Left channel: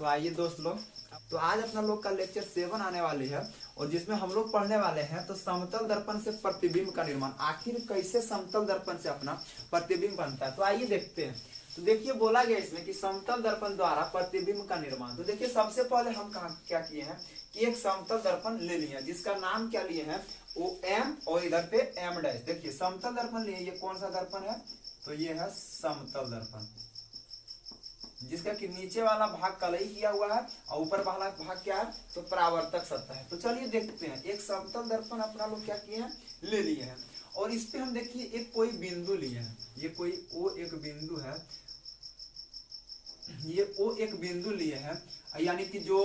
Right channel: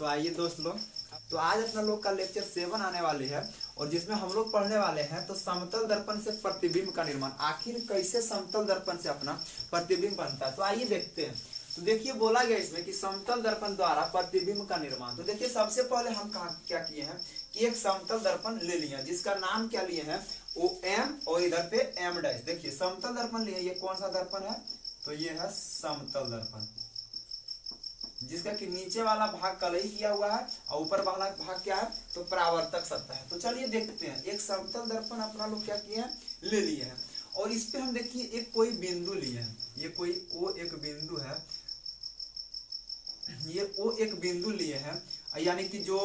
तो आइए दोस्त लोग, तो आज अपना लोग का लेक्चर 7 आने वाली है और जिसमें हम लोग पढ़ने वाले हैं तो समतल दर्पण से प्रतिबिंब का निर्माण। आखिर कैसे समतल दर्पण से अपना प्रतिबिंब बनता है, तो आइए देखते हैं। तो देखिए बोला गया इसमें कि समतल दर्पण द्वारा प्रतिबिंब का निर्माण। तो देखिए सबसे पहले हम क्या किए हैं कि एक समतल दर्पण ले लिया जिसका नाम क्या लिए हैं ओ एम और इधर पे एम डैश। देखिए समतल दर्पण लिए, ये कौन सा दर्पण है तो ये है समतल दर्पण, जिसका कि नीचे वाला भाग कलई किया हुआ है और ऊपर वाला भाग क्या है तो परावर्तक सत्ता है। तो चलिए देखते हैं, एक समतल दर्पण अपना लोग क्या किए हैं ले लिए हैं और इस पे हम देखिए एक कोई बिंदु लिए हैं, ये कोई ओ एक बिंदु है, ये ओ एक बिंदु लिए हैं, यानी कि जो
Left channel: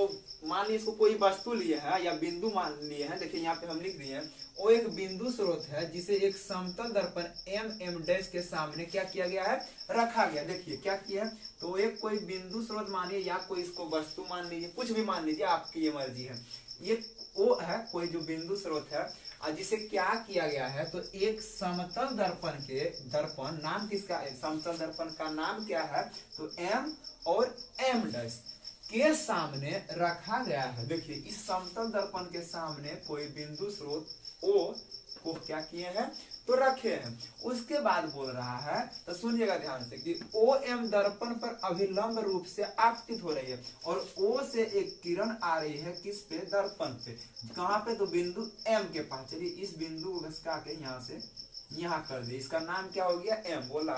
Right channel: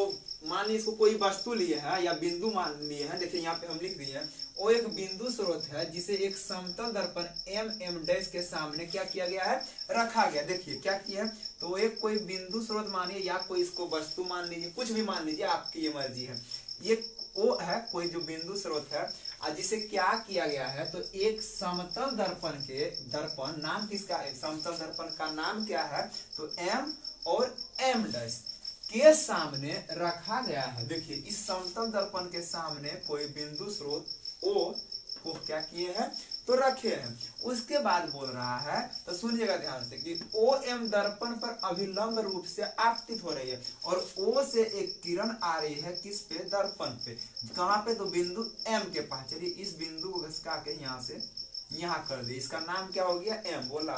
मान लीजिए इसको कोई वस्तु लिए है या बिंदु मान लिए हैं। देखिए यहाँ पे हम लिख दिए हैं वो एक बिंदु स्रोत है जिसे एक समतल दर्पण एम डैश के सामने क्या किया गया है रखा गया। देखिए क्या किया है तो एक कोई बिंदु स्रोत मानिए या कोई इसको वस्तु मान लीजिए, कुछ भी मान लीजिए, आपकी ये मर्जी है। ये वो है कोई जो बिंदु स्रोत है और जिसे क्या किया गया है तो एक समतल दर्पण के दर्पण नाम किसका है, समतल दर्पण का नाम क्या है तो एम और एम डैश के सामने रखा गया है। देखिए इस समतल दर्पण के सामने कोई बिंदु स्रोत ओ को क्या किए हैं तो रखे हैं। उसके बाद बोल रहा है तो सुनिएगा ध्यान से कि ओ एम दर्पण पर अभिलंब रूप से आपतित हो रही है और ओ से एक किरण आ रही है किस पे दर्पण पे, कहां पे तो बिंदु एम के पास। चलिए इस बिंदु को घसका के यहाँ से यहाँ कर दिए, इसका नाम क्या हो गया एम। बोला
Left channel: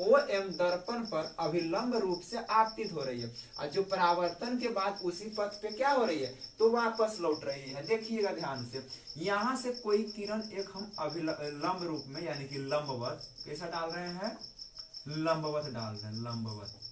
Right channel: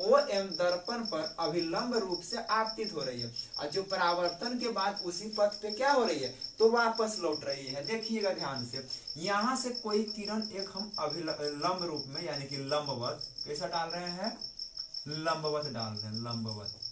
ओ एम दर्पण पर अभिलंब रूप से आपतित हो रही है और जो परावर्तन के बाद उसी पथ पे क्या हो रही है तो वापस लौट रही है। देखिएगा ध्यान से, यहाँ से कोई किरण एक हम अभिलंब रूप में यानी कि लंबवत कैसा डाल रहे हैं, लंबवत डाल रहे हैं, लंबवत।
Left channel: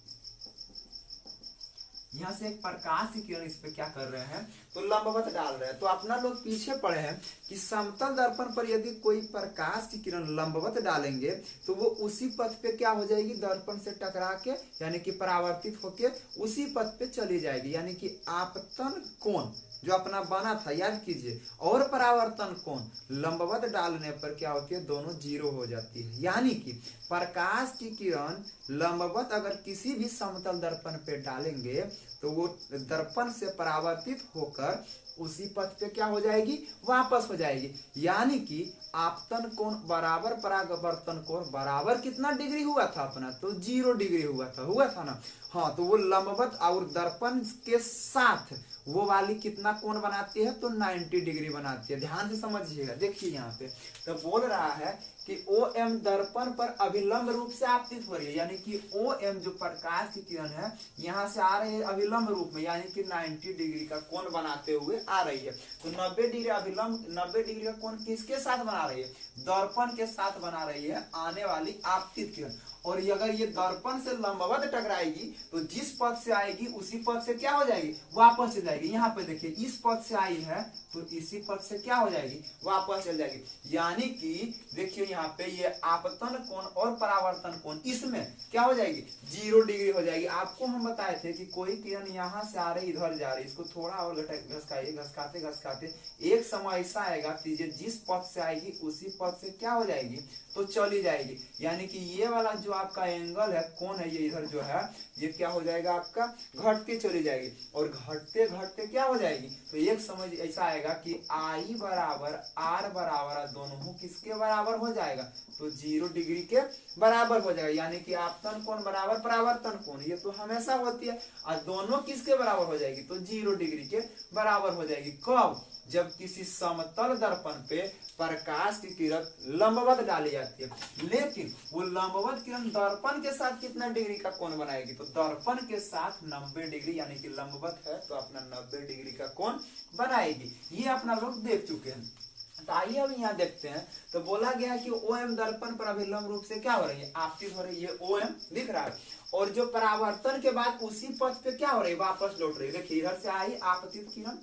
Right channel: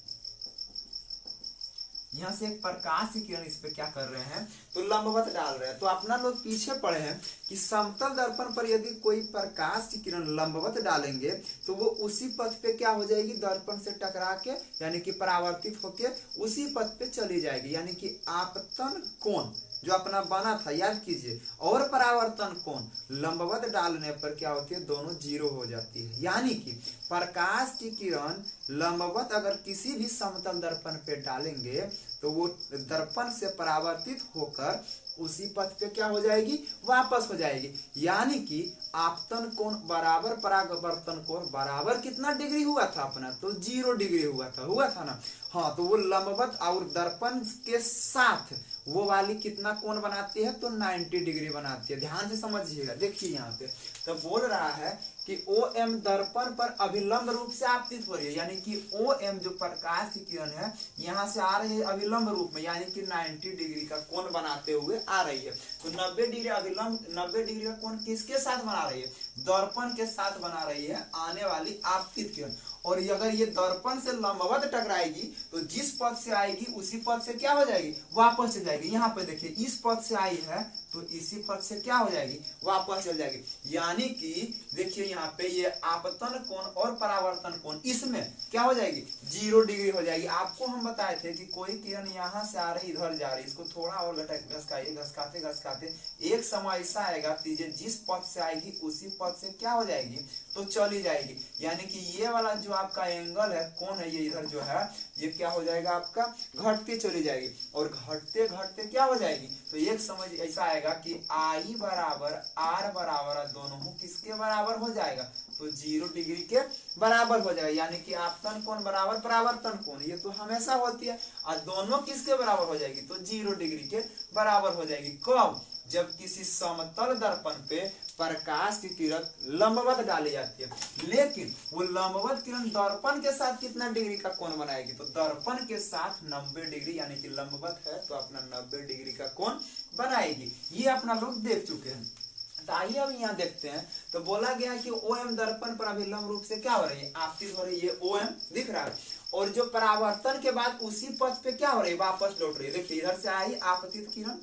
यहाँ से एक प्रकाश की किरण इस पे क्या कर रहे हैं तो लंबवत डाल रहे हैं। तो अपना लोग पीछे पढ़े हैं कि समतल दर्पण पर यदि कोई प्रकाश की किरण लंबवत डालेंगे तो वो उसी पथ पे क्या हो जाएगी, दर्पण से टकरा के यानी कि परावर्तित होके उसी पथ पे चली जाएगी। यानी कि आपतन कोण जो अपना बना था याद कीजिए और परावर्तन कोण लंबवत डालने पर क्या होती है दोनों जीरो हो जाती है। यानी कि प्रकाश की किरण लंबवत अगर किसी भी समतल दर्पण पे डालेंगे तो वो दर्पण से परावर्तित होकर उसी पथ पे क्या हो जाएगी वापस हो जाएगी। यानी कि आपतन कोण बराबर परावर्तन कोण बराबर कितना डिग्री हुआ था अपना तो 0 डिग्री हुआ था ना। हाँ तो वो लंबवत और दर्पण के साथ वो वाली कितना कोण बनाती है तो 90 डिग्री बनाती है। ध्यान से समझिएगा, देखिए यहाँ पे तो बोल रहा है कि ओ एम दर्पण पर अभिलंब रूप से आपतित हो रही है, यानी कि ओ एम जो प्रकाश की किरण है यहाँ से आ रही है अभिलंब रूप में यानी कि 90 डिग्री का कोण बनाते हुए आ रही है। तो 90 डिग्री अभिलंब 90 डिग्री का कोण किसके साथ बना रही है, दर्पण के साथ बना रही है आने वाली आपतित किरण। और अगर ये दर्पण से लंबवत टकराएगी तो जिस पथ से आएगी उसी पथ से क्या हो जाएगी वापस चल जाएगी। यहाँ पे देखिए इस पथ से आई है तो इसी पथ से क्या हो जाएगी वापस चल जाएगी। यानी कि देखिए यहाँ पे ये आपतन कोण और परावर्तन कोण इसमें क्या हो जाएगी 0 डिग्री हो जाएगी। आपको हम बताए थे कि कोई किरण यहाँ से आ रही इधर जा रही, इसको थोड़ा और घसकाइए, घसकाते घसकाते एक समय ऐसा आएगा जिस पथ से आएगी उसी पथ से क्या हो जाएगी तो चली जाएगी। यानी कि ये वाला जो आपका एंगल है कौन है ये इधर जो है ये क्या हो जाएगा आपका घटती चली जाएगी और घटते घटते क्या हो जाएगी तो एक समझ ऐसा आएगा कि आई बराबर आर बराबर दोनों किसके बराबर हो जाएगा तो 0 डिग्री के बराबर हो जाएगा। यानी कि आपतन कोण बराबर परावर्तन कोण ये तो हमेशा होती है और दोनों किसके बराबर हो जाएगी तो 0 डिग्री के बराबर हो जाएगी। कब, जब किसी समतल दर्पण पे प्रकाश की किरण लंबवत डाली जाती है, लेकिन वो लंबवत किरण दर्पण के साथ कितना डिग्री का कोण बनाएगी तो दर्पण के साथ 90 डिग्री, यानी कि लंबवत है तो अपना 90 डिग्री का कोण बनाएगी। ये अपना लोग देख चुके हैं। तो आइए अब यहाँ देखते हैं तो बोला गया कि ओ एम दर्पण पर अभिलंब रूप से क्या हो रही है आपतित हो रही है, ओ एम दिख रहा है और जो परावर्तन के बाद उसी पथ पे क्या हो रही है वापस लौट रही है। देखिए इधर से आई आपतित किरण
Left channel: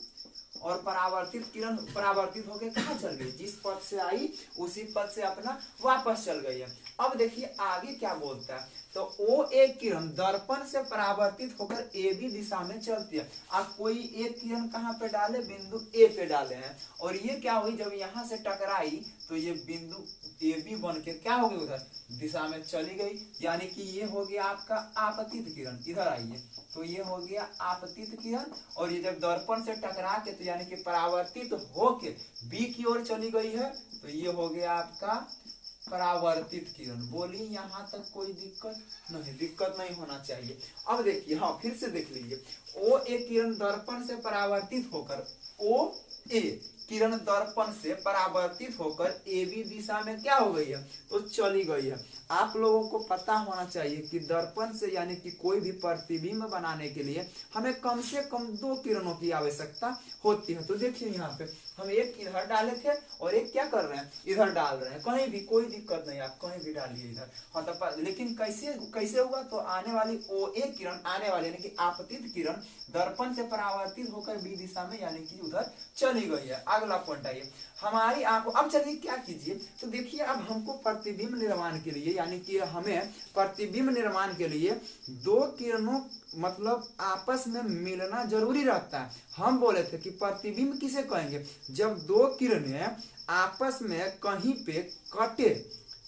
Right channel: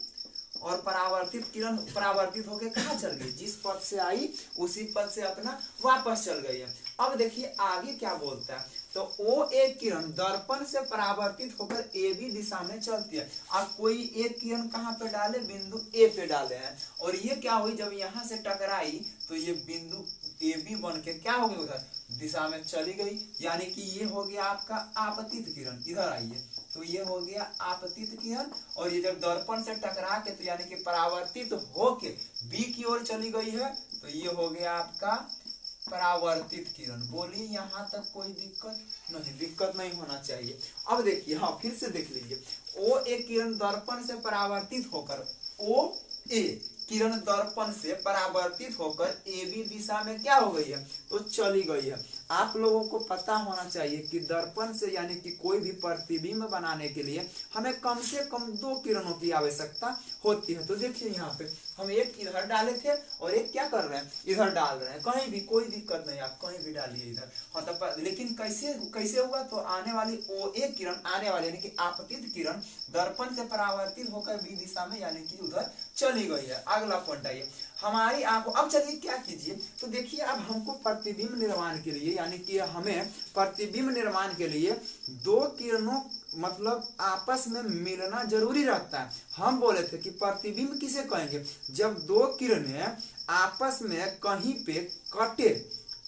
और परावर्तित किरण परावर्तित होकर कहाँ चल गई, जिस पथ से आई उसी पथ से अपना वापस चल गई है। अब देखिए आगे क्या बोलता है, तो ओ एक किरण दर्पण से परावर्तित होकर ए बी दिशा में चलती है। अब कोई एक किरण कहाँ पे डाले, बिंदु ए पे डाले हैं, और ये क्या हुई, जब यहाँ से टकराई तो ये बिंदु ए बी बन के क्या हो गई, उधर दिशा में चली गई। यानी कि ये हो गया आपका आपतित किरण, इधर आइए, तो ये हो गया आपतित किरण, और ये जब दर्पण से टकरा के तो यानी कि परावर्तित होके बी की ओर चली गई है, तो ये हो गया आपका परावर्तित किरण। बोलिए यहाँ तक कोई दिक्कत नहीं होना चाहिए। अब देखिए, हाँ फिर से देख लीजिए, ओ एक किरण दर्पण से परावर्तित होकर, ओ ए किरण दर्पण से परावर्तित होकर ए बी दिशा में क्या हो गई है, तो चली गई है। आप लोगों को पता होना चाहिए कि दर्पण से यानी कि कोई भी प्रतिबिंब बनाने के लिए हमें कम से कम 2 किरणों की आवश्यकता होती है। तो देखिए यहाँ पे हम एक इधर डाले थे और एक क्या कर रहे हैं, इधर डाल रहे हैं, कहीं भी कोई दिक्कत नहीं, आप कहीं भी डालिए इधर। हाँ तो लेकिन कैसे हुआ, तो आने वाली ओ एक किरण, आने वाली यानी कि आपतित किरण दर्पण से परावर्तित होकर बी दिशा में यानी कि उधर चली गई है। अगला पॉइंट आइए, हमारी आंखों, अब चलिए क्या कीजिए, तो देखिए अब हमको प्रतिबिंब निर्माण के लिए यानी कि हमें प्रतिबिंब निर्माण के लिए 2 किरणों मतलब आपस में मिलना जरूरी रहता है। हम बोले थे कि प्रतिबिंब किसे कहेंगे, जब 2 किरणें आपस में कहीं पे कटे,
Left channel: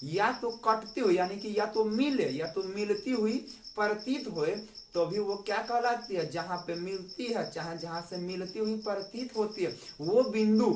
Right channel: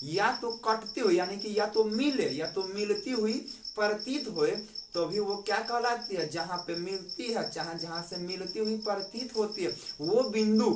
या तो कटते हुए यानी कि या तो मिले या तो मिलती हुई प्रतीत हुए, तो भी वो क्या कहलाती है, जहां पे मिलती है, चाहे जहां से मिलती हुई प्रतीत होती है, वो बिंदु,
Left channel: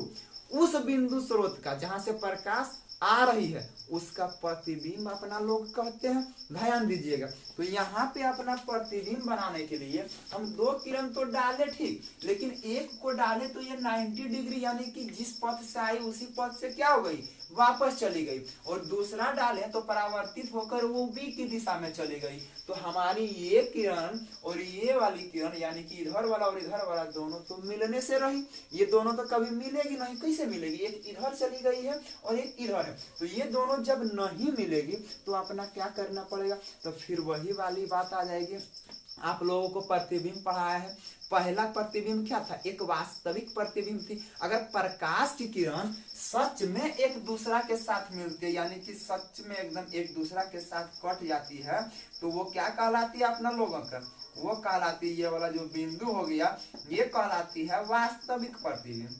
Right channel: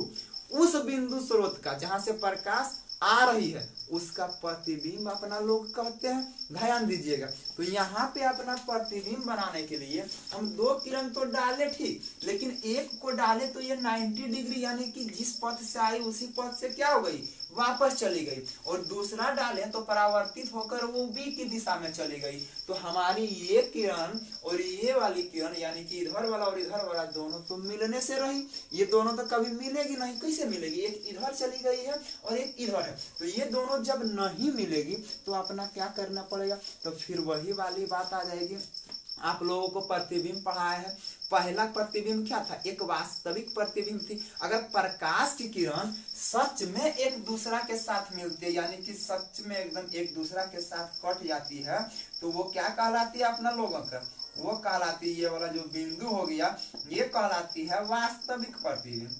उस बिंदु स्रोत का जहां से प्रकाश आ रही है उसका प्रतिबिंब अपना लोग कहते हैं। ध्यान दीजिएगा, तो यहाँ पे अपना प्रतिबिंब बनाने के लिए हम 2 किरण तो डाले ठीक, लेकिन एक को डाले तो ये 90 डिग्री यानी कि जिस पथ से आई उसी पथ से क्या हो गई, वापस चली गई, और दूसरा डाले तो परावर्तित होकर वो बी की दिशा में चली गई। तो हमारी ये किरण और ये वाली किरण यानी कि इधर वाला और इधर वाला दोनों तो मिलने से रही, ये दोनों तो कभी मिलेगी नहीं। कैसे मिलेगी, एक इधर चली गई है और एक इधर है, तो ये दोनों जब नहीं मिलेगी तो अपना क्या करना पड़ेगा, तो फिर वही वाली बात आ जाएगी। आप लोगों को प्रतिबिंब पढ़ाया है, पहला प्रतिबिंब क्या था, एक वास्तविक प्रतिबिंब थी। अगर प्रकाश की किरण सच में एक दूसरा के साथ मिलती है यानी कि सच में एकदम एक दूसरा के साथ कट जाती है, तो वो क्या कहलाती है अपना लोगों का, वो कहलाती है, ये वाला जो बिंदु हो गया ये कहलाती है वास्तविक प्रतिबिंब,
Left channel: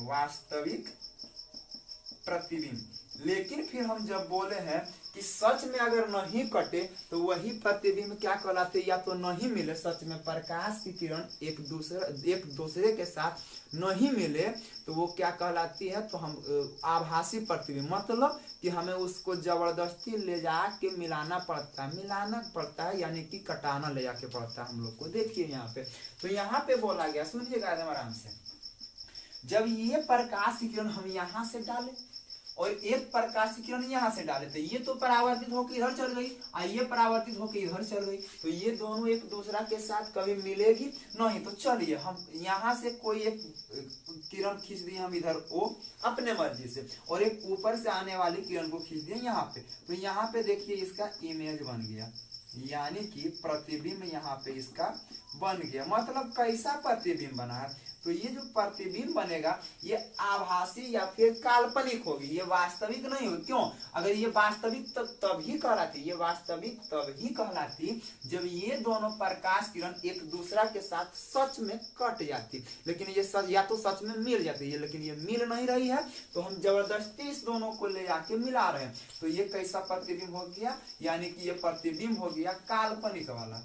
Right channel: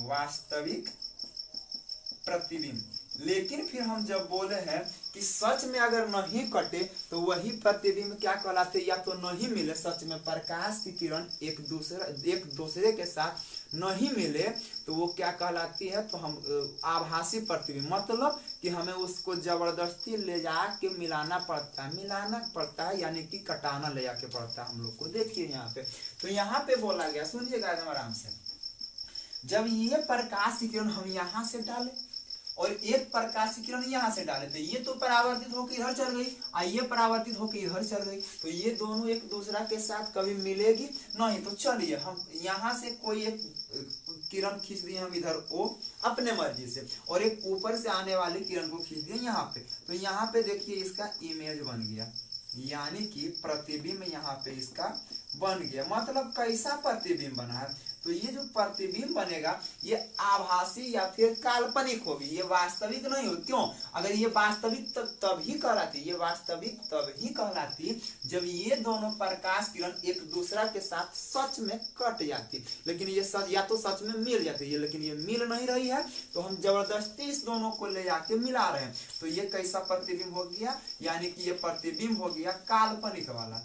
वास्तविक प्रतिबिंब। लेकिन फिर हम जब बोले हैं कि सच में अगर नहीं कटे तो वही प्रतिबिंब क्या कहलाते, या तो नहीं मिले, सच में प्रकाश की किरण एक दूसरे के साथ नहीं मिले तो वो क्या कहलाती है, तो हम आभासी प्रतिबिंब, मतलब कि हमें उसको जबरदस्ती ले जाके मिलाना पड़ता है यानी कि कटाना ले जाके पड़ता है हम लोग को। देखिए यहाँ पे, तो यहाँ पे बोला गया, सुनिएगा एकदम आराम से, जब ये प्रकाश की किरण हम यहाँ से डाले और एक प्रकाश की किरण यहाँ से डाले, तो ये तो परावर्तित होकर इधर चल गई, ये परावर्तित होकर इधर चल गई, तो ये दोनों एक दूसरा के साथ कभी मिलेगी नहीं। तो चलिए हम यहाँ से कोई एक किरण खींच दिए हम इधर ओ अपने मर्जी से, और एक ऊपर से आने वाली किरण को खींच दिए यहाँ पे, तो यहाँ पे देखिए इसका इमेज बन गया, यानी कि प्रतिबिंब यहाँ पे इसका बन गया। मतलब कैसा प्रतिबिंब बना है, तो ये जो प्रतिबिंब बनेगा ये आभासी या फिर काल्पनिक होगी, ये वास्तविक नहीं हो। क्यों, अगर ये वास्तविक तभी कहलाती, ये वास्तविक तभी कहलाती जब ये दोनों प्रकाश किरण एक दूसरा के साथ सच में कट जाती, लेकिन ये सच या तो सच में मिल जाती है, लेकिन ये मिल नहीं रही है, तो हम जबरदस्ती इस दोनों को ले जाके मिला रहे हैं। तो ये कैसा प्रतिबिंब हो गया, यानी कि ये प्रतिबिंब हो गया काल्पनिक वाला,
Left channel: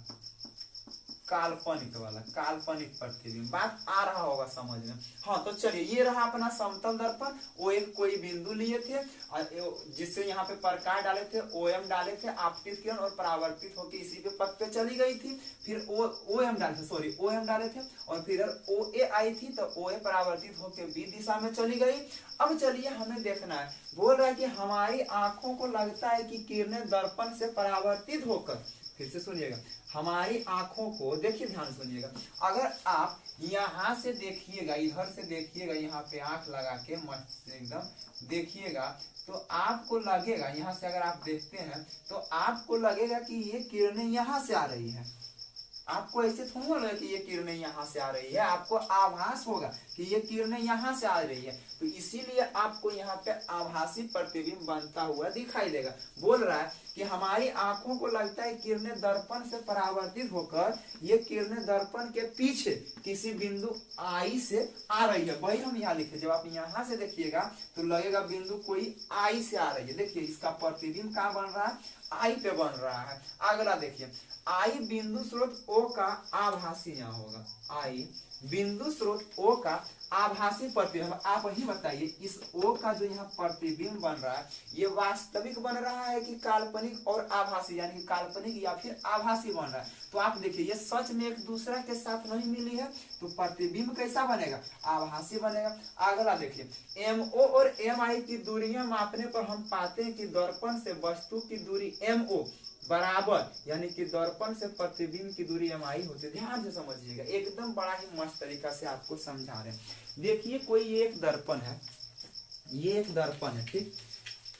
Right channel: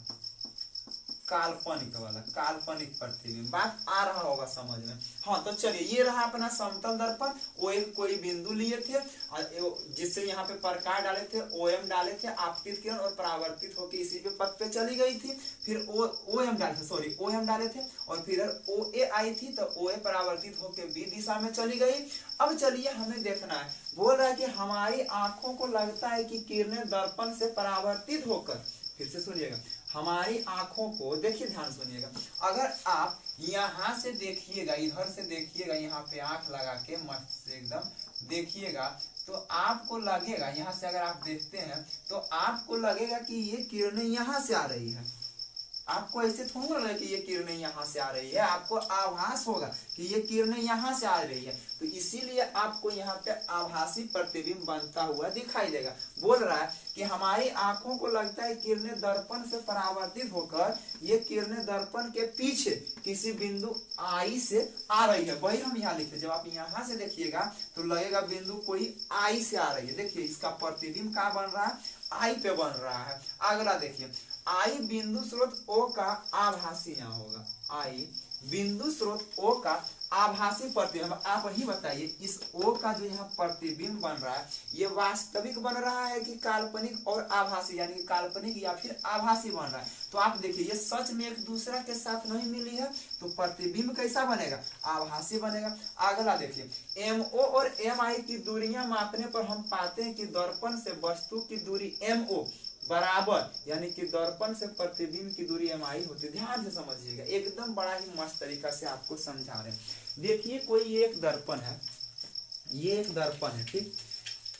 काल्पनिक प्रतिबिंब। बात आ रहा होगा समझ में। हाँ तो चलिए, ये रहा अपना समतल दर्पण, वो एक कोई बिंदु लिए थे जिससे यहाँ पे प्रकाश डाले थे, ओएम डाले थे, आपतित किरण और परावर्तित होकर इसी पे पथ पे चली गई थी। फिर ओएम डाले थे और फिर ओ ए आई थी, तो ओ ए परावर्तित होकर बी दिशा में चली गई। अब चलिए हमें देखना है, बोल रहा है कि हमारी आंखों को लगता है कि किरणें दर्पण से परावर्तित होकर, फिर से सुनिएगा, हमारी आंखों को, देखिए ध्यान सुनिएगा, अगर आप यहाँ से देखिएगा, इधर से देखिएगा, यहाँ पे आंख लगा के मस्त से एकदम देखिएगा, तो आपको लगेगा, यहाँ से अगर आप देखते हैं तो आपको लगेगा कि ये किरणें यहाँ से आ रही है, आपको ऐसे थोड़ा लगे कि ये किरणें यहाँ से आ रही है, आपको आभास होगा कि ये किरणें यहाँ से आ रही है। तो इसीलिए आपको यहाँ पे आभासी प्रतिबिंब बनता हुआ दिखाई देगा। बोल रहा है कि हमारी आंखों को लगता है किरणें दर्पण से परावर्तित होकर ये किरणें दर्पण के पीछे किसी बिंदु आई से आ रही है। वही हम यहाँ लिखे, जब आप यहाँ से देखिएगा तो लगेगा बिंदु कोई आई से आ रही है। देखिए इसका प्रतिबिंब कहाँ बन रहा है, आई पे बन रहा है। अगला देखिए, आई बिंदु स्रोत ओ का आभासी यहाँ होगा, आई बिंदु स्रोत ओ का आभासी प्रतिबिंब। आप ही बताइए इस ओ का जो यहाँ प्रतिबिंब बन रहा है ये वास्तविक बन रहा है कि काल्पनिक और आभासी, यानी कि काल्पनिक या फिर आभासी बन रहा है। तो आप देखिए ये सच में एक दूसरे के साथ नहीं मिली है, तो प्रतिबिंब कैसा बनेगा, आभासी बनेगा। अगला देखिए, MO और MI की दूरियां मापने पर हम पाते हैं कि दर्पण से वस्तु की दूरी MO बराबर, यानी कि दर्पण से प्रतिबिंब की दूरी MI होती है। ध्यान से समझिएगा, एकदम बड़ा ही मस्त तरीका से आपको समझा रहे हैं। देखिए कोई एक दर्पण है, ये एक दर्पण है, ठीक।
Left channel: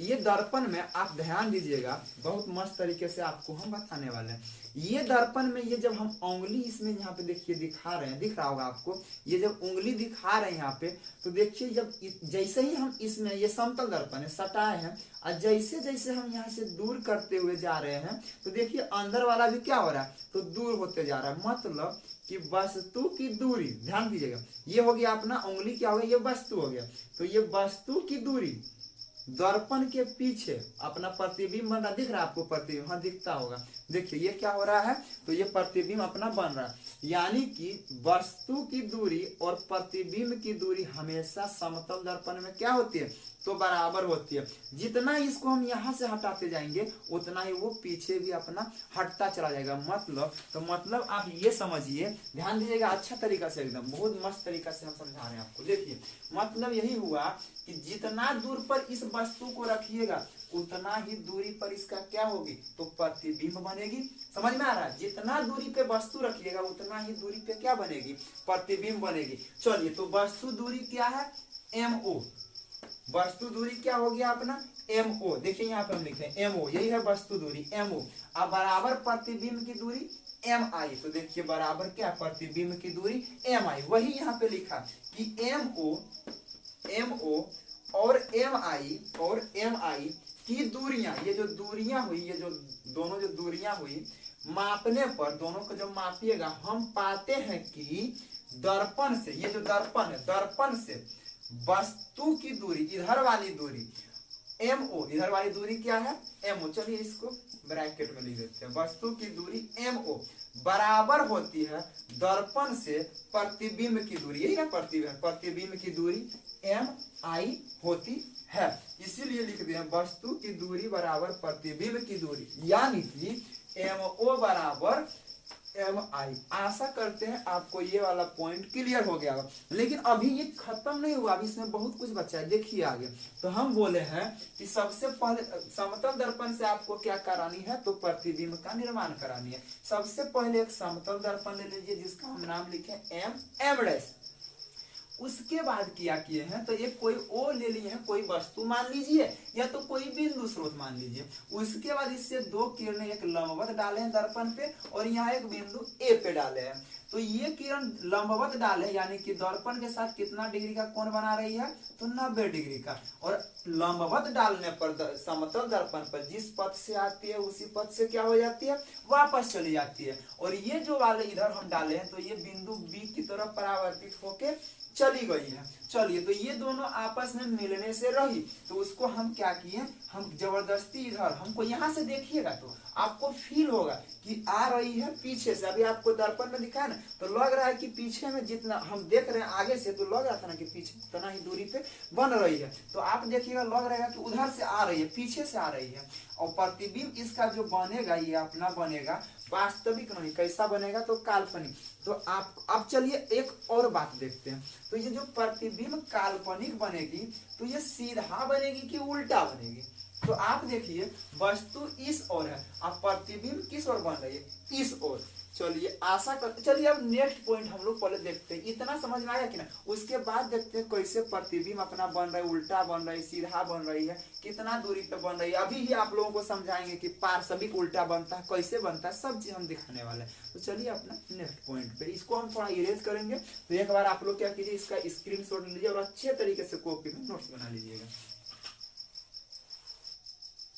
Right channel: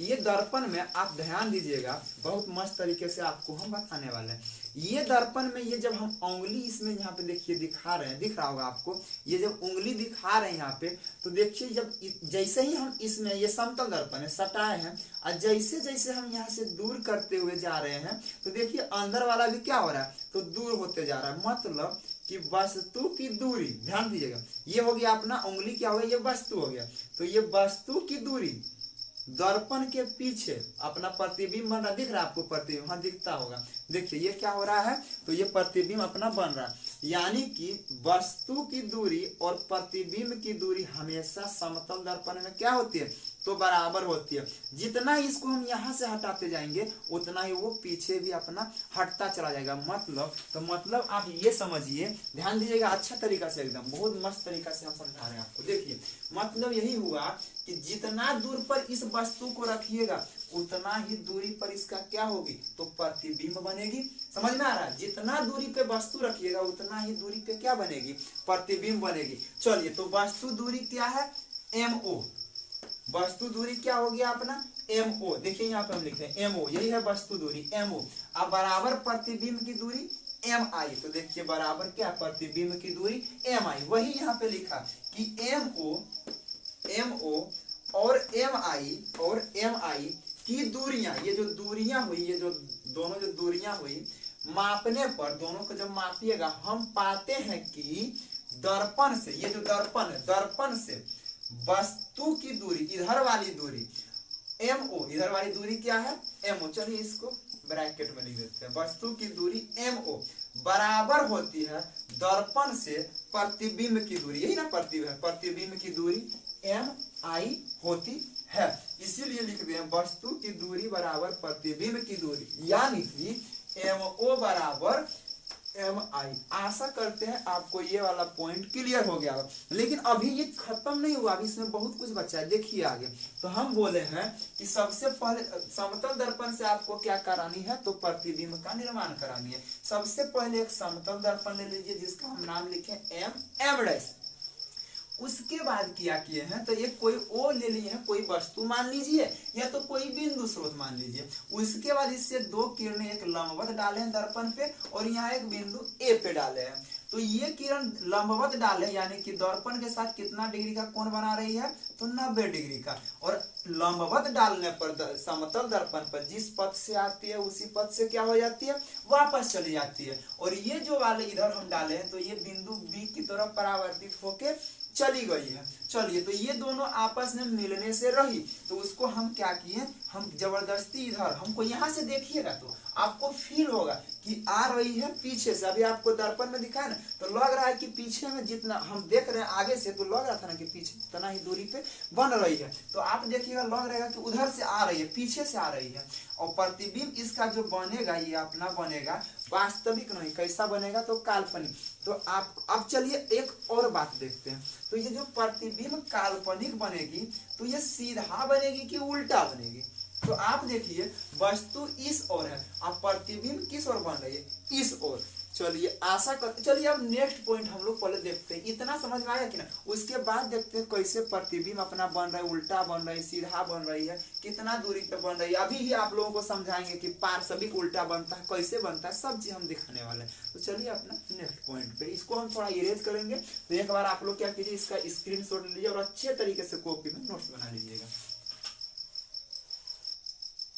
ये दर्पण में आप ध्यान दीजिएगा, बहुत मस्त तरीके से आपको हम बताने वाले हैं। ये दर्पण में ये जब हम उंगली इसमें यहाँ पे देखिए दिखा रहे हैं, दिख रहा होगा आपको, ये जब उंगली दिखा रहे हैं यहाँ पे, तो देखिए जब जैसे ही हम इसमें, ये समतल दर्पण है, सटाए हैं, और जैसे जैसे हम यहाँ से दूर करते हुए जा रहे हैं तो देखिए अंदर वाला भी क्या हो रहा है, तो दूर होते जा रहा है। मतलब कि वस्तु की दूरी, ध्यान दीजिएगा, ये हो गया अपना उंगली, क्या हो गया, ये वस्तु हो गया। तो ये वस्तु की दूरी दर्पण के पीछे अपना प्रतिबिंब बन रहा, दिख रहा है आपको प्रतिबिंब, हाँ दिखता होगा। देखिए ये क्या हो रहा है, तो ये प्रतिबिंब अपना बन रहा है। यानी कि वस्तु की दूरी और प्रतिबिंब की दूरी हमेशा समतल दर्पण में क्या होती है, तो बराबर होती है। जितना इसको हम यहाँ से हटाते जाएंगे उतना ही वो पीछे भी अपना हटता चला जाएगा। मतलब आप ये समझिए, ध्यान दीजिएगा अच्छा तरीका से, एकदम बहुत मस्त तरीका से हम समझा रहे हैं आपको। देखिए मतलब यही हुआ कि जितना दूर पर इस वस्तु को रखिएगा उतना ही दूरी पर इसका क्या होगी, तो प्रतिबिंब बनेगी। समझ में आ रहा है, जितना दूरी पे वस्तु रखिएगा उतना ही दूरी पे क्या बनेगी, प्रतिबिंब बनेगी। चलिए तो वस्तु दूरी क्या है, MO, वस्तु दूरी क्या हो गया अपना MO। देखिए यहाँ पे हम लिखते हैं MO, यही है वस्तु दूरी MO। अब बराबर प्रतिबिंब की दूरी MI, तो देखिए बराबर क्या, प्रतिबिंब की दूरी MI। वही यहाँ पे लिखा कि MO और MI की दूरियां, ये जो दूरियां हुई, ये जो दोनों जो दूरियां हुई, मापने पर दोनों को जब मापिएगा हम पाते हैं कि दर्पण से, ये जो दर्पण है, दर्पण से वस्तु की दूरी, इधर वाली दूरी MO, इधर वाली दूरी क्या है, MO। चलिए इसको ब्रैकेट में लिख देते हैं, वस्तु की दूरी MO बराबर होती है दर्पण से प्रतिबिंब की दूरी, यही ना प्रतिबिंब की दूरी MI होती है। इसीलिए लिख दिए वस्तु की दूरी बराबर प्रतिबिंब की दूरी, यानी कि MO बराबर MI। आशा करते हैं आपको ये वाला पॉइंट क्लियर हो गया। लेकिन अभी ये खत्म नहीं हुआ, अभी इसमें बहुत कुछ बचा है, देखिए आगे। तो हम बोले हैं कि सबसे पहले समतल दर्पण से आपको क्या करानी है, तो प्रतिबिंब का निर्माण करानी है। सबसे पहले एक समतल दर्पण ले लीजिए जिसका हम नाम लिखे M'। उसके बाद क्या किए हैं, तो एक कोई O ले लिए हैं, कोई वस्तु मान लीजिए या तो कोई बिंदु स्रोत मान लीजिए। उसके बाद इससे दो किरणें एक लंबवत डाले हैं दर्पण पे और यहाँ एक बिंदु A पे डाले हैं। तो ये किरण लंबवत डाले यानी कि दर्पण के साथ कितना डिग्री का कोण बना रही है, तो 90 डिग्री का। और लंबवत डालने पर समतल दर्पण पर जिस पथ से आती है उसी पथ से क्या हो जाती है, वापस चली जाती है। और ये जो वाले इधर हम डाले हैं तो ये बिंदु B की तरफ परावर्तित होके चली गई है। चलिए तो ये दोनों आपस में मिलने से रही, तो उसको हम क्या किए, हम जबरदस्ती इधर, हमको यहाँ से देखिएगा तो आपको फील होगा कि आ रही है पीछे से। अभी आपको दर्पण में दिखा है ना, तो लग रहा है कि पीछे में जितना हम देख रहे हैं आगे से, तो लग रहा था ना कि पीछे उतना ही दूरी पे बन रही है। तो आप देखिएगा लग रहेगा कि उधर से आ रही है, पीछे से आ रही है। और प्रतिबिंब इसका जो बनेगा ये अपना बनेगा वास्तविक नहीं, कैसा बनेगा, तो काल्पनिक। तो आप अब चलिए एक और बात देखते हैं। तो ये जो प्रतिबिंब काल्पनिक बनेगी तो ये सीधा बनेगी कि उल्टा बनेगी, तो आप देखिए वस्तु इस ओर है, अब प्रतिबिंब किस ओर बन रही है, इस ओर। चलिए आशा कर, चलिए अब नेक्स्ट पॉइंट हम लोग पहले देखते हैं, इतना समझ में आया कि ना। उसके बाद देखते हैं कैसे प्रतिबिंब अपना बन रहा है, उल्टा बन रहा है, सीधा बन रही है, कितना दूरी पे बन रही है। अभी ही आप लोगों को समझाएंगे कि पार्श्विक उल्टा बनता है, कैसे बनता है, सब चीज हम दिखाने वाले हैं। तो चलिए अपना नेक्स्ट पॉइंट पे, इसको हम थोड़ा इरेज करेंगे। तो एक बार आप लोग क्या कीजिए, इसका स्क्रीनशॉट लीजिए और अच्छे तरीके से कॉपी में नोट्स बना लीजिएगा।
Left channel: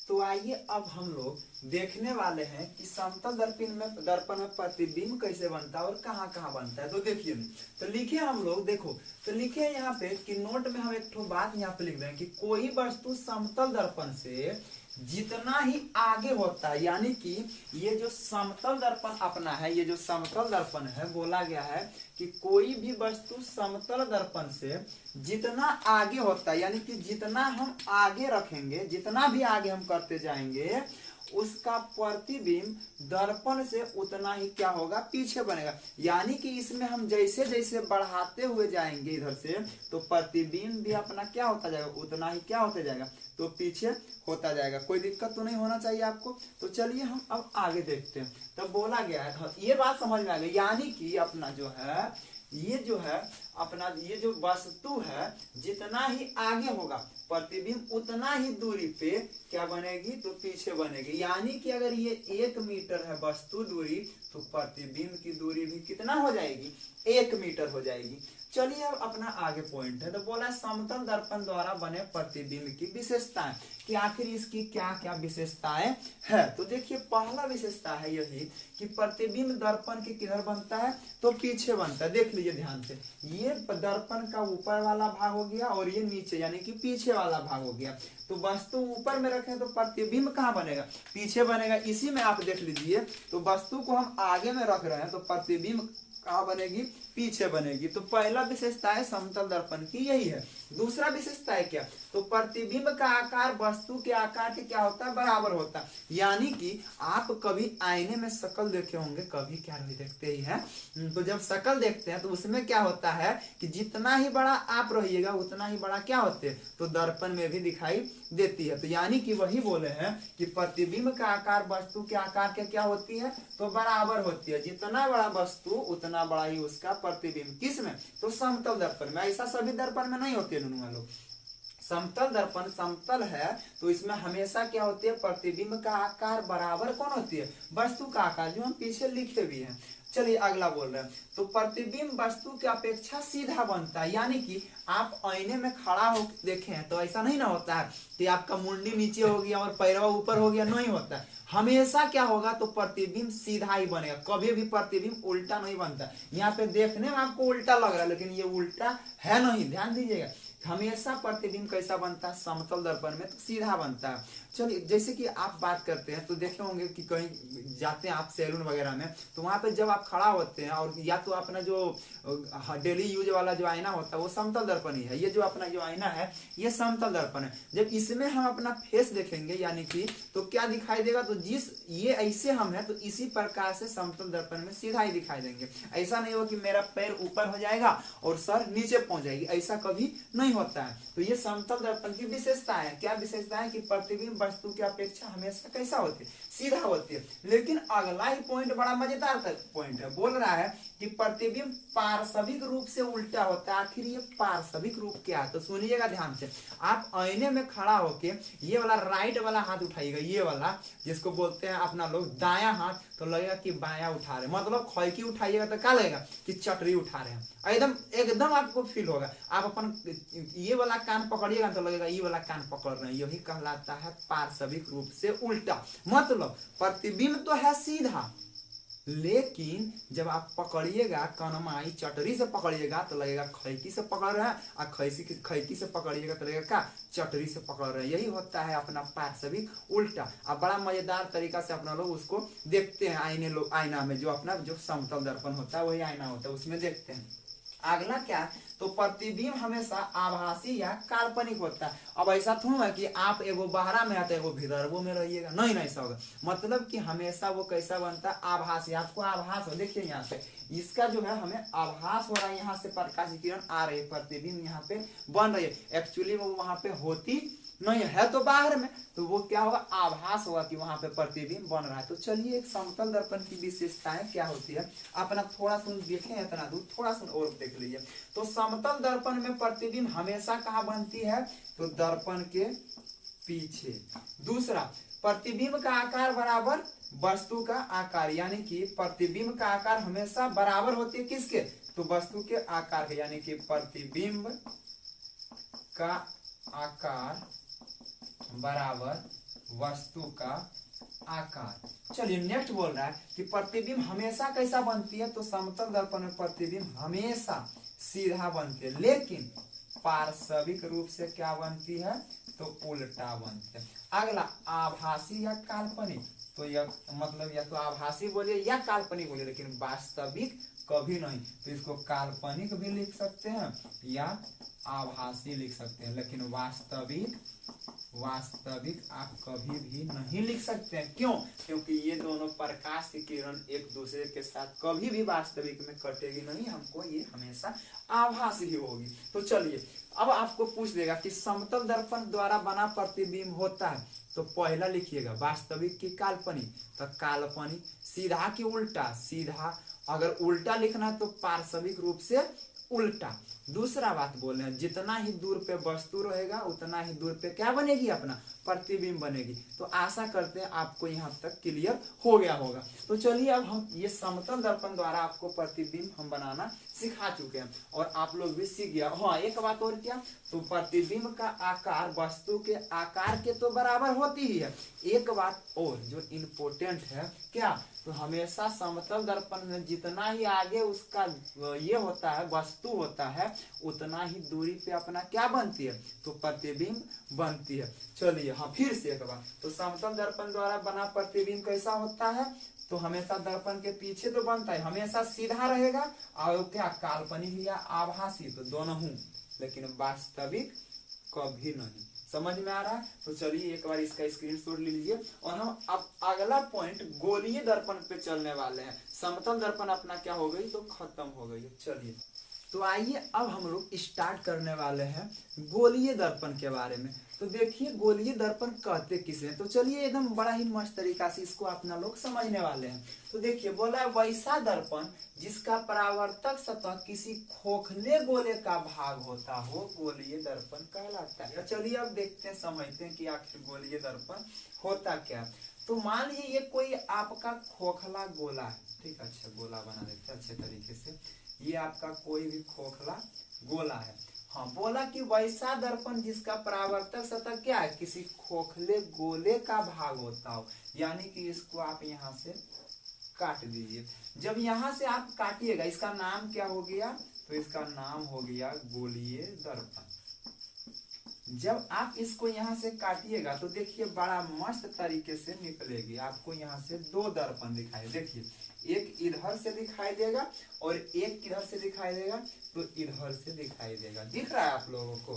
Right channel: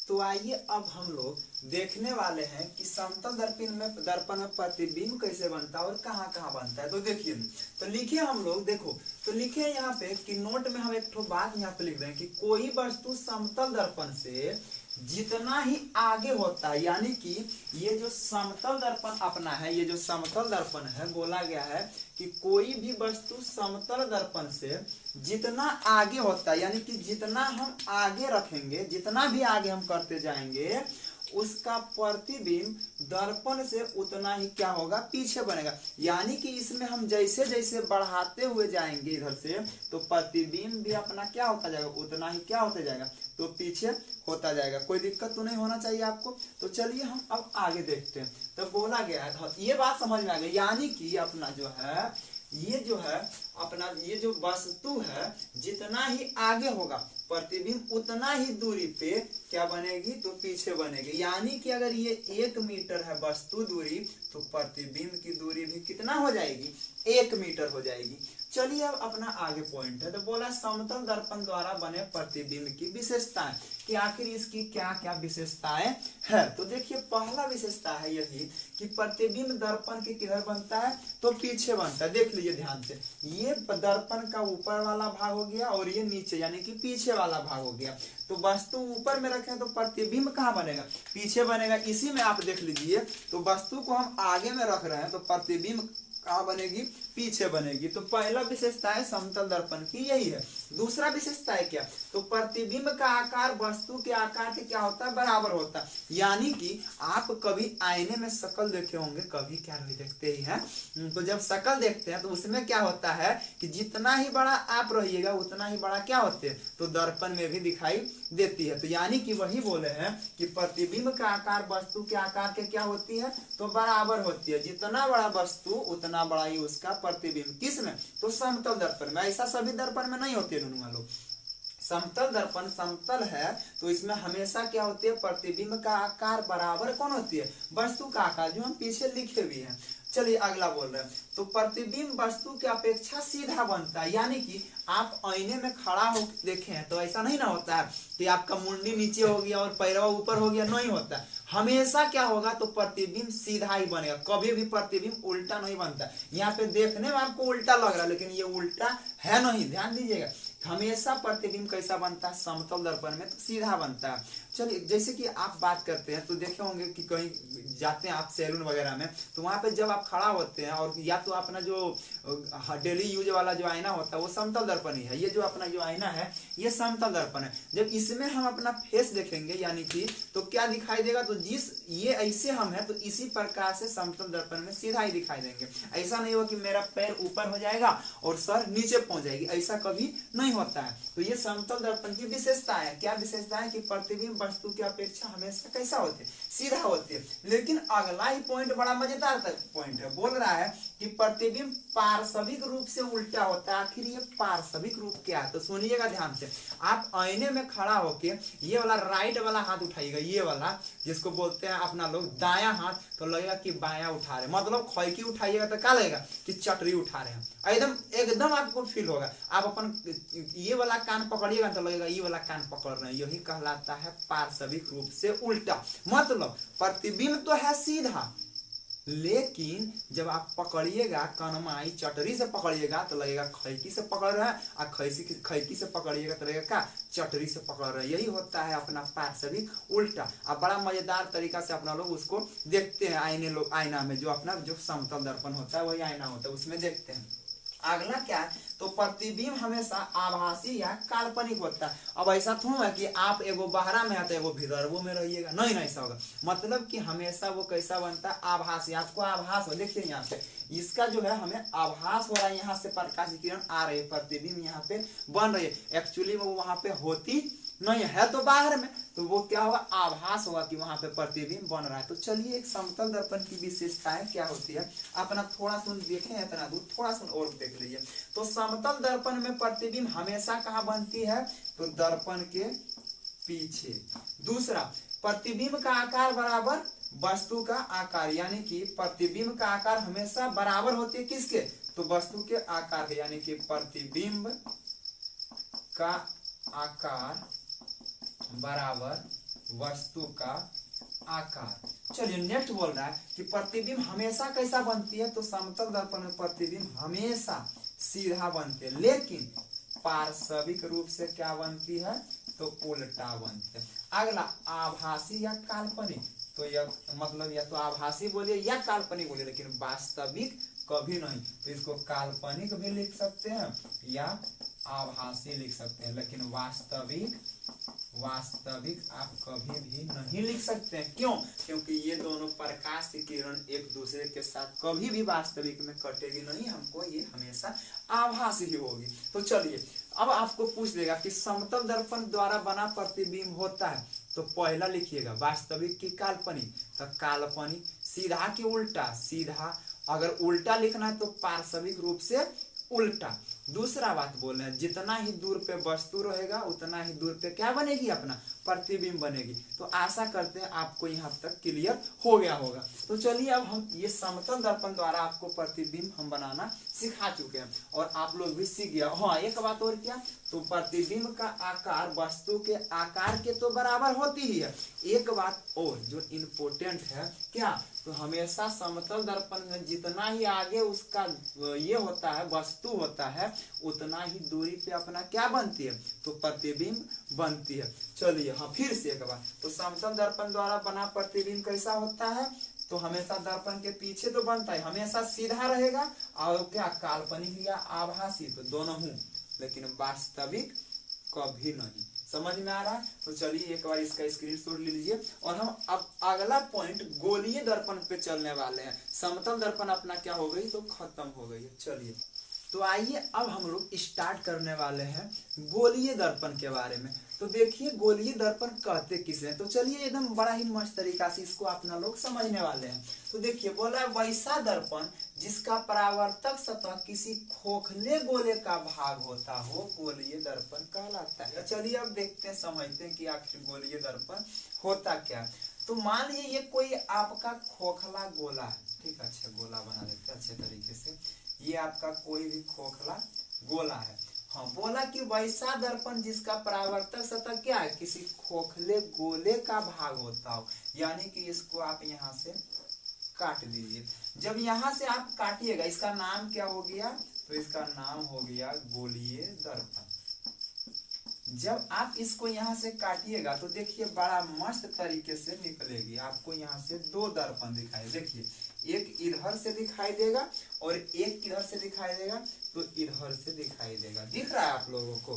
तो आइए अब हम लोग देखने वाले हैं कि समतल दर्पण में प्रतिबिंब कैसे बनता है और कहाँ कहाँ बनता है। तो देखिए, तो लिखे हम लोग, देखो तो लिखे यहाँ पे कि नोट में हम एक ठो बात यहाँ पे लिख रहे हैं कि कोई वस्तु समतल दर्पण से जितना ही आगे होता है, यानी कि ये जो समतल दर्पण अपना है, ये जो समतल दर्पण है, बोला गया है कि कोई भी वस्तु समतल दर्पण से जितना आगे होता है, यानी कि जितना हम आगे रखेंगे, जितना भी आगे हम करते जाएंगे, उसका प्रतिबिंब दर्पण से उतना ही क्या होगा, पीछे बनेगा। यानी कि इसमें हम जैसे जैसे बढ़ाते हुए जाएंगे इधर से, तो प्रतिबिंब भी अपना क्या होता जाएगा, उतना ही क्या होता जाएगा, तो पीछे होता जाएगा। कोई दिक्कत तो नहीं होना चाहिए आपको। तो चलिए हम अब आगे देखते हैं। तब बोला गया है, ये बात समझ में आ गई, यानी कि अपना जो है, ये जो है अपना, ये जो वस्तु है जितना ही आगे होगा प्रतिबिंब उतना ही दूरी पे क्या बनेगी, तो पीछे बनेगी। यानी कि अगर ये 1 मीटर है वस्तु दूरी, तो प्रतिबिंब की दूरी भी कितना हो जाएगी, 1 मीटर हो जाएगी। चलिए अब अपना आगे पॉइंट है। तो बोला समतल दर्पण द्वारा बने प्रतिबिंब की विशेषताएं, कि आखिर इसकी क्या क्या विशेषताएं है। तो देखिए पहला विशेषता है यही कि प्रतिबिंब दर्पण के किधर बनता है, तो पीछे बनता है। देख लीजिए ध्यान से, ये दर्पण का ऊपर वाला भाग हो गया और ये नीचे यानी कि पीछे वाला भाग हो गया। तो वस्तु ऊपर में रखें तो प्रतिबिंब कहाँ बनेगा, पीछे बनेगा। इसी में आप देख लीजिए, तो वस्तु को हम आगे में रख रहे हैं तो प्रतिबिंब कहाँ बनेगी, पीछे बनेगी। तो पहला विशेषता है समतल दर्पण की यही है। दूसरा विशेषता है क्या, तो प्रतिबिंब का आकार वस्तु के आकार के क्या होता है, बराबर होता है। यानी कि आप कभी आईने में शक्ल देखे होंगे, कभी क्या नहीं देखते ही हैं, तो जब शक्ल देखते हैं तो उसमें क्या होता है कि जितना ही बड़ा आप रहिएगा उतना ही बड़ा क्या होते हैं, तो दर्पण में भी दिखाई देती है। तो यानी कि वही बोले हैं कि प्रतिबिंब का आकार वस्तु के आकार के क्या होती है, तो बराबर होती है। जितना बड़ा वस्तु उतना बड़ा ही उसका प्रतिबिंब। किस में, तो समतल दर्पण में। ऐसा सभी दर्पण में नहीं होती है लोग। समतल दर्पण समतल है तो इसमें हमेशा क्या होती है, प्रतिबिंब का आकार बराबर कौन होती है, वस्तु का आकार, जो हम पीछे लिखे भी हैं। चलिए अगला बोल रहे हैं, तो प्रतिबिंब वस्तु की अपेक्षा सीधा बनता है। यानी कि आप आईने में खड़ा हो देखें तो ऐसा नहीं ना होता है कि आपका मुंडी नीचे हो गया और पैरवा ऊपर हो गया, नहीं होता। हमेशा क्या होगा, तो प्रतिबिंब सीधा ही बनेगा, कभी भी प्रतिबिंब उल्टा नहीं बनता। यहाँ पे देखने में आपको उल्टा लग रहा है लेकिन ये उल्टा है नहीं, ध्यान दीजिएगा। हमेशा प्रतिबिंब कैसा बनता है, समतल दर्पण में तो सीधा बनता है। चलिए जैसे कि आप बात करते हैं तो देखे होंगे कि कहीं जाते हैं आप सैलून वगैरह में, तो वहां पे जब आप खड़ा होते हैं और या तो अपना जो डेली यूज वाला जो आईना होता है वो समतल दर्पण ही है। ये जो अपना जो आईना है ये समतल दर्पण है। जब इसमें हम अपना फेस देखेंगे यानी कि, तो क्या दिखाई देगा, तो जिस ये ऐसे हम है तो इसी प्रकार से समतल दर्पण में सीधा ही दिखाई देंगे। ऐसा नहीं हो कि मेरा पैर ऊपर हो जाएगा और सर नीचे पहुंच जाएगी, ऐसा कभी नहीं होता है। तो ये समतल दर्पण की विशेषता है। क्या विशेषता है कि प्रतिबिंब वस्तु की अपेक्षा हमेशा कैसा होती है, सीधा होती है। लेकिन अगला ही पॉइंट बड़ा मजेदार पॉइंट है, बोल रहा है कि प्रतिबिंब पार्श्विक रूप से उल्टा होता है। आखिर ये पार्श्विक रूप क्या है, तो सुनिएगा ध्यान से। आप आईने में खड़ा होके ये वाला राइट वाला हाथ उठाइएगा, ये वाला जिसको बोलते हैं अपना लोग दायां हाथ, तो लगेगा कि बायां उठा रहे, मतलब खैकी उठाइएगा तो क्या लगेगा कि चटरी उठा रहे हैं। एकदम एकदम आपको फील होगा। आप अपन ये वाला कान पकड़िएगा तो लगेगा ये वाला कान पकड़ रहे हैं, यही कहलाता है पार्श्विक रूप से उल्टा। मतलब प्रतिबिंब तो है सीधा, लेकिन जब आप पकड़िएगा कनमाई चटरी से पकड़िएगा तो लगेगा खैकी से पकड़ रहे हैं, और खैकी से पकड़िएगा तो लगेगा क्या, चटरी से पकड़ रहे हैं। यही होता है अपना पार्श्विक उल्टा। अब बड़ा मजेदार तरीका से अपना लोग उसको देखते हैं आईना में, जो अपना जो समतल दर्पण होता है वही आईना होता है, उसमें देखते हैं। अगला क्या है, तो प्रतिबिंब हमेशा आभासी या काल्पनिक होता है। अब ऐसा थोड़ा है कि आप एगो बाहरा में आता है एगो भीतर वो में रहिएगा, नहीं ऐसा होगा। मतलब कि हमेशा वो कैसा बनता है, आभासी। आपको आभास हो, देखिए यहाँ पे इसका जो है हमें आभास हो रहा है, यहाँ से प्रकाश किरण आ रही है, प्रतिबिंब यहाँ पे बन रही है। एक्चुअली वो वहां पे होती नहीं है तो बाहर में, तो वो क्या होगा, आभास होगा कि वहां पे प्रतिबिंब बन रहा है। तो चलिए एक समतल दर्पण की विशेषताएं क्या होती है अपना थोड़ा सुन देखें, इतना दूर थोड़ा सुन और देख लीजिए। तो समतल दर्पण में प्रतिबिंब हमेशा कहाँ बनती है, तो दर्पण के पीछे। दूसरा, प्रतिबिंब का आकार बराबर वस्तु का आकार, यानी कि प्रतिबिंब का आकार हमेशा बराबर होती है किसके, तो वस्तु के आकार के, यानी कि प्रतिबिंब का आकार बराबर वस्तु का आकार। चलिए नेक्स्ट बोल रहा है कि प्रतिबिंब हमेशा कैसा बनती है, तो समतल दर्पण में प्रतिबिंब हमेशा सीधा बनती है, लेकिन पार्श्विक रूप से क्या बनती है, तो उल्टा बनती है। अगला, आभासी या काल्पनिक, तो यह मतलब या तो आभासी बोलिए या काल्पनिक बोलिए, लेकिन वास्तविक कभी नहीं। तो इसको काल्पनिक भी लिख सकते हैं या आभासी लिख सकते हैं, लेकिन वास्तविक आप कभी भी नहीं लिख सकते हैं। क्यों, क्योंकि ये दोनों प्रकाश की किरण एक दूसरे के साथ कभी भी वास्तविक में कटेगी नहीं, हमको ये हमेशा आभासी ही होगी। तो चलिए अब आपको पूछ देगा कि समतल दर्पण द्वारा बना प्रतिबिंब होता है, तो पहला लिखिएगा वास्तविक की काल्पनिक, तो काल्पनिक सीधा की उल्टा, सीधा अगर उल्टा लिखना है तो पार्श्विक रूप से उल्टा। दूसरा बात बोल रहे हैं, जितना ही दूर पे वस्तु रहेगा उतना ही दूर पे क्या बनेगी, अपना प्रतिबिंब बनेगी। तो आशा करते हैं आपको यहाँ तक क्लियर हो गया होगा। तो चलिए अब हम ये समतल दर्पण द्वारा आपको प्रतिबिंब हम बनाना सिखा चुके हैं और आप लोग भी सीख गया। हाँ एक बात और क्या, तो प्रतिबिंब का आकार वस्तु के आकार के तो बराबर होती ही है। एक बात और जो इम्पोर्टेंट है क्या, तो हमेशा समतल दर्पण में जितना ही आगे उसका ये होता है वस्तु होता है, उतना ही दूरी पे अपना क्या बनती है, तो प्रतिबिंब बनती है। चलिए हाँ फिर से एक बार, तो समतल दर्पण द्वारा बना प्रतिबिंब कैसा होता है, तो हमेशा दर्पण के पीछे तो बनता है, हमेशा सीधा रहेगा और क्या काल्पनिक या आभासी, तो दोनों हूं, लेकिन वास्तविक कभी नहीं। समझ में आ रहा है। तो चलिए एक बार इसका स्क्रीनशॉट लीजिए और हम अब अगला पॉइंट गोलीय दर्पण पे चलने वाले हैं। समतल दर्पण अपना क्या हो गई, तो खत्म हो गई है। चलिए तो आइए अब हम लोग स्टार्ट करने वाले हैं गोलीय दर्पण के बारे में। तो देखिए गोलीय दर्पण कहते किसे हैं, तो चलिए एकदम बड़ा ही मस्त तरीका से इसको अपना लोग समझने वाले हैं। तो देखिए बोला है वैसा दर्पण जिसका परावर्तक सतह किसी खोखले गोले का भाग होता हो, गोलीय दर्पण कहलाता है। चलिए अब देखते हैं समझते हैं कि आखिर गोलीय दर्पण होता क्या। तो मान लीजिए ये कोई आपका खोखला गोला है, ठीक है, अच्छा गोला बना देते हैं अच्छे तरीके से। ये आपका कोई भी खोखला गोला है। हाँ बोला कि वैसा दर्पण जिसका परावर्तक सतह क्या है, किसी खोखले गोले का भाग होता हो, यानी कि इसको आप यहाँ से काट दीजिए। जब यहाँ से आप काटिएगा इसका नाम क्या हो गया, तो इसका नाम हो गया गोलीय दर्पण। जब आप इसको यहाँ से काटिएगा तो देखिए बड़ा मस्त तरीके से निकलेगी। आपको यहाँ से दो दर्पण दिखाई, देखिए एक इधर से दिखाई देगा और एक इधर से दिखाई देगा, तो इधर से दिखाई देगा। दिख रहा है आप लोगों को,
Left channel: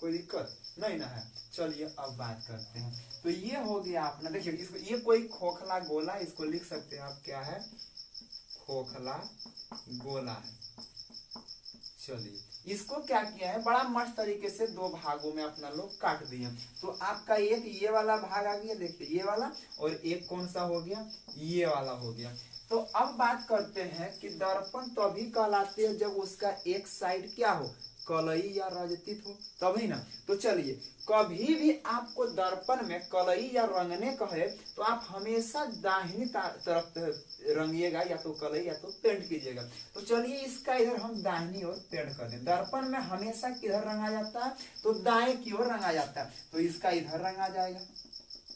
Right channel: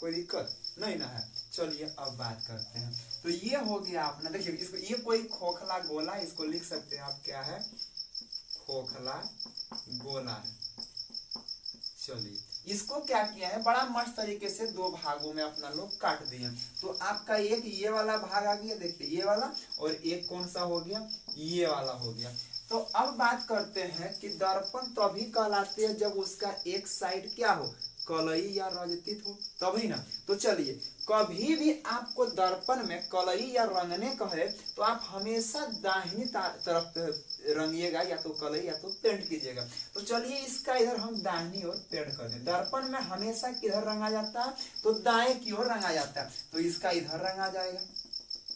कोई दिक्कत नहीं ना है। चलिए अब बात करते हैं। तो ये हो गया अपना, देखिए इसको ये कोई खोखला गोला, इसको लिख सकते हैं आप क्या है, खोखला गोला है। चलिए इसको क्या किया है, बड़ा मस्त तरीके से दो भागों में अपना लोग काट दिए। तो आपका एक ये वाला भाग आ गया, देखिए ये वाला, और एक कौन सा हो गया, ये वाला हो गया। तो अब बात करते हैं कि दर्पण तभी कहलाते हैं जब उसका एक साइड क्या हो, कलई या रजतित हो, तभी ना। तो चलिए कभी भी आपको दर्पण में कलई या रंगने कहे तो आप हमेशा दाहिनी तरफ रंगिएगा, या तो कलई या तो पेंट कीजिएगा। तो चलिए इसका इधर हम दाहिनी ओर पेंट कर दें। दर्पण में हमेशा किधर रंगा जाता है, तो दाएं की ओर रंगा जाता है, तो इसका इधर रंगा जाएगा,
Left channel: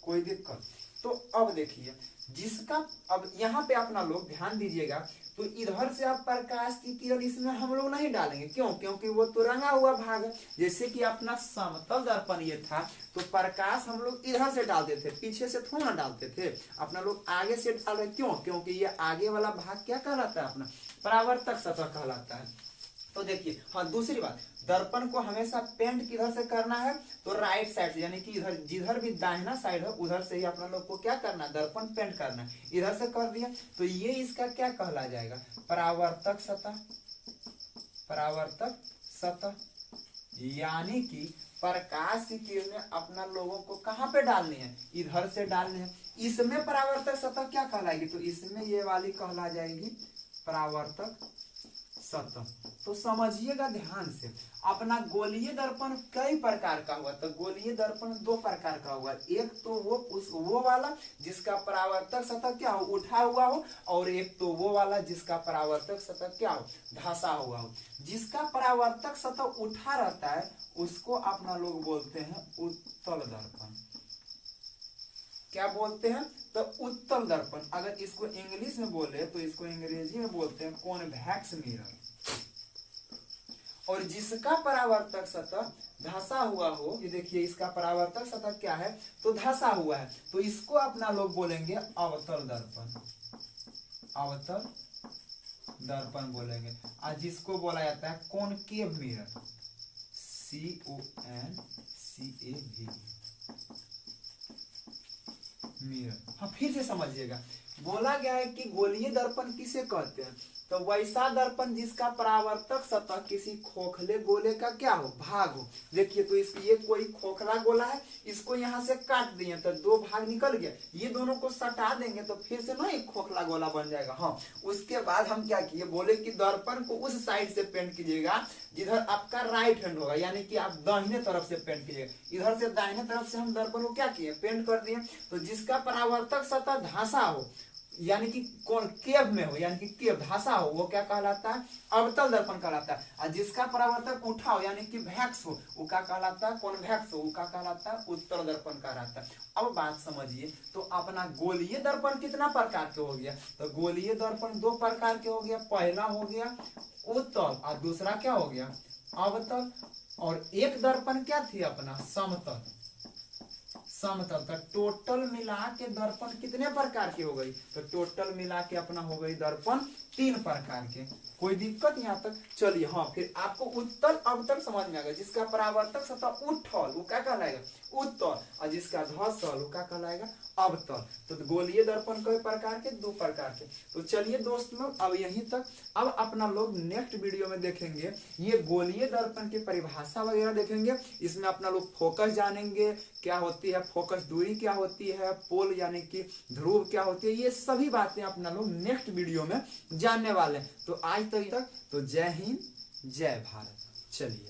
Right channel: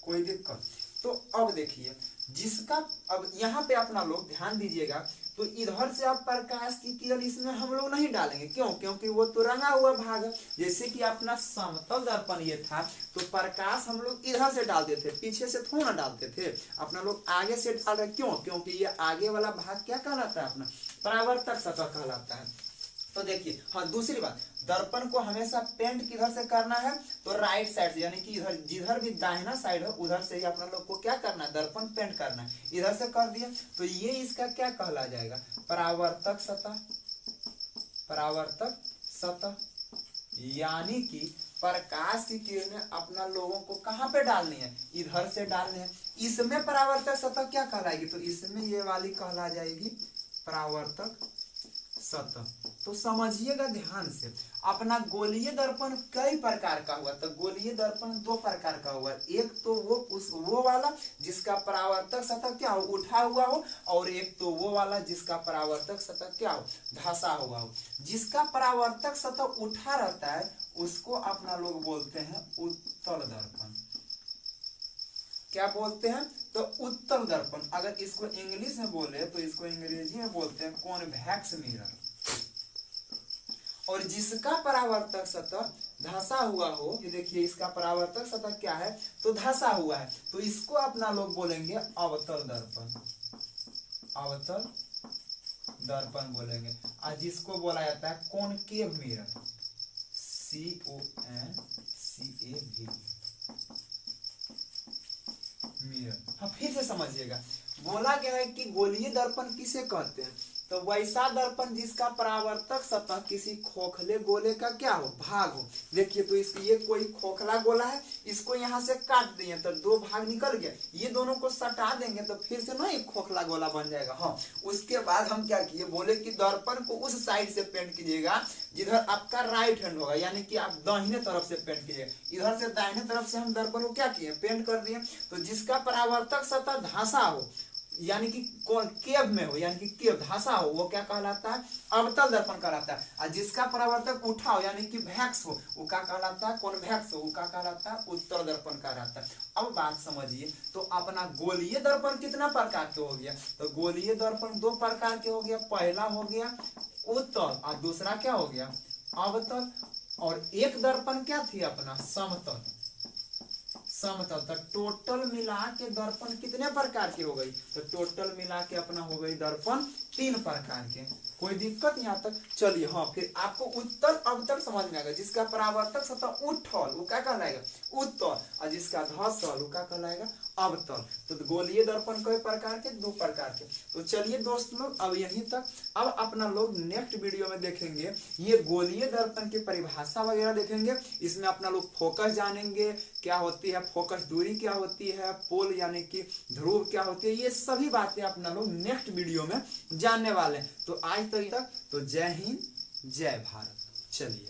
कोई दिक्कत। तो अब देखिए जिसका, अब यहाँ पे अपना लोग ध्यान दीजिएगा, तो इधर से आप प्रकाश की किरण इसमें हम लोग नहीं डालेंगे। क्यों, क्योंकि वो तो रंगा हुआ भाग है। जैसे कि अपना समतल दर्पण ये था, तो प्रकाश हम लोग इधर से डालते थे, पीछे से थोड़ा डालते थे, अपना लोग आगे से डाल रहे। क्यों, क्योंकि ये आगे वाला भाग क्या कहलाता है, अपना परावर्तक सतह कहलाता है। तो देखिए हाँ दूसरी बात, दर्पण को हमेशा पेंट किधर से करना है, तो राइट साइड से, यानी कि इधर जिधर भी दाहिना साइड है उधर से ही अपना लोग को क्या करना है, दर्पण पेंट करना है। इधर से कर दिया तो ये इसका क्या कहला जाएगा, परावर्तक सतह। परावर्तक सतह यानी कि प्रकाश की किरणें अपना लोगों को कहाँ पे डालनी है, इधर से डालनी है। इसमें परावर्तक सतह क्या कहलाएगी, तो इसमें ये वाली कहला जाएगी परावर्तक सतह। तो समझिएगा ध्यान से, अपना गोलीय दर्पण कई प्रकार का हुआ, तो गोलीय दर्पण दो प्रकार का हुआ, एक तो वो वाला जिसका परावर्तक सतह क्या हो, उठा हुआ हो, और एक तो वो वाला जिसका परावर्तक सतह क्या हो, धंसा हुआ हो। जिसका परावर्तक सतह उठा रहता है उसको अपना लोग बोलते हैं उत्तल दर्पण। क्या बोलते हैं, तो उत्तल दर्पण। अगर इसको इंग्लिश में बोले तो इसको अंग्रेजी में बोलते हैं कॉन्वेक्स मिरर। और जिसका परावर्तक सतह धंसा हुआ हो, ये देखिए इसका परावर्तक सतह क्या है, तो धंसा हुआ है, तो इसको अपना लोग बोलेंगे अवतल दर्पण। अवतल दर्पण बोलेंगे। और जिसको बोला जाता है कॉनकेव मिरर, CONCAV मिरर। हाँ, फिर से समझिएगा, बोला गया है कि गोलीय दर्पण किसे कहते हैं, तो वैसा दर्पण जिसका परावर्तक सतह किसी खोखले गोले का क्या हो, भाग हो। देखिए तो ये कोई खोखला गोला है, इसको यहाँ से काट दिए तो दो भाग निकल गया, ये दोनों को सटा देंगे तो फिर से ना एक खोखला गोला बन जाएगा। हाँ, उसके बाद हम क्या किए, बोले कि दर्पण को उस साइड से पेंट कीजिएगा जिधर आपका राइट हैंड होगा, यानी कि आप दाहिने तरफ से पेंट कीजिएगा। इधर से दाहिने तरफ से हम दर्पण को क्या किए, पेंट कर दिए। तो जिसका परावर्तक सतह धंसा हो, यानी कि कौन केव में हो, यानी कि केव धंसा हो, वो क्या कहलाता है, अवतल दर्पण कहलाता है। और जिसका परावर्तक उठा हो, यानी कि वैक्स हो, वो क्या कहलाता है, कॉन्वेक्स हो, वो क्या कहलाता है, उत्तल दर्पण कहलाता है। अब बात समझिए, तो अपना गोलीय दर्पण कितना प्रकार के हो गया, तो गोलीय दर्पण दो प्रकार के हो गया, पहला हो गया उत्तल और दूसरा क्या हो गया, अवतल। और एक दर्पण क्या थी अपना, समतल। समतल। तो टोटल मिला के दर्पण कितने प्रकार के हो गई, तो टोटल मिला के अपना हो गई दर्पण 3 प्रकार के। कोई दिक्कत यहाँ तक, चलिए। हाँ, फिर आपको उत्तल अवतल समझ में आ गया। जिसका परावर्तक सतह उठल वो क्या कहलाएगा, उत्तल, और जिसका धंसल वो क्या कहलाएगा, अवतल। तो गोलीय दर्पण कई प्रकार के, 2 प्रकार के। तो चलिए दोस्त लोग, अब यहीं तक। अब अपना लोग नेक्स्ट वीडियो में देखेंगे ये गोलीय दर्पण की परिभाषा वगैरह देखेंगे। इसमें अपना लोग फोकस जानेंगे, क्या होती है फोकस दूरी, क्या होती है पोल यानी कि ध्रुव क्या होती है, ये सभी बातें अपना लोग नेक्स्ट वीडियो में जानने वाले हैं। तो आज तक तो जय हिंद जय भारत। चलिए।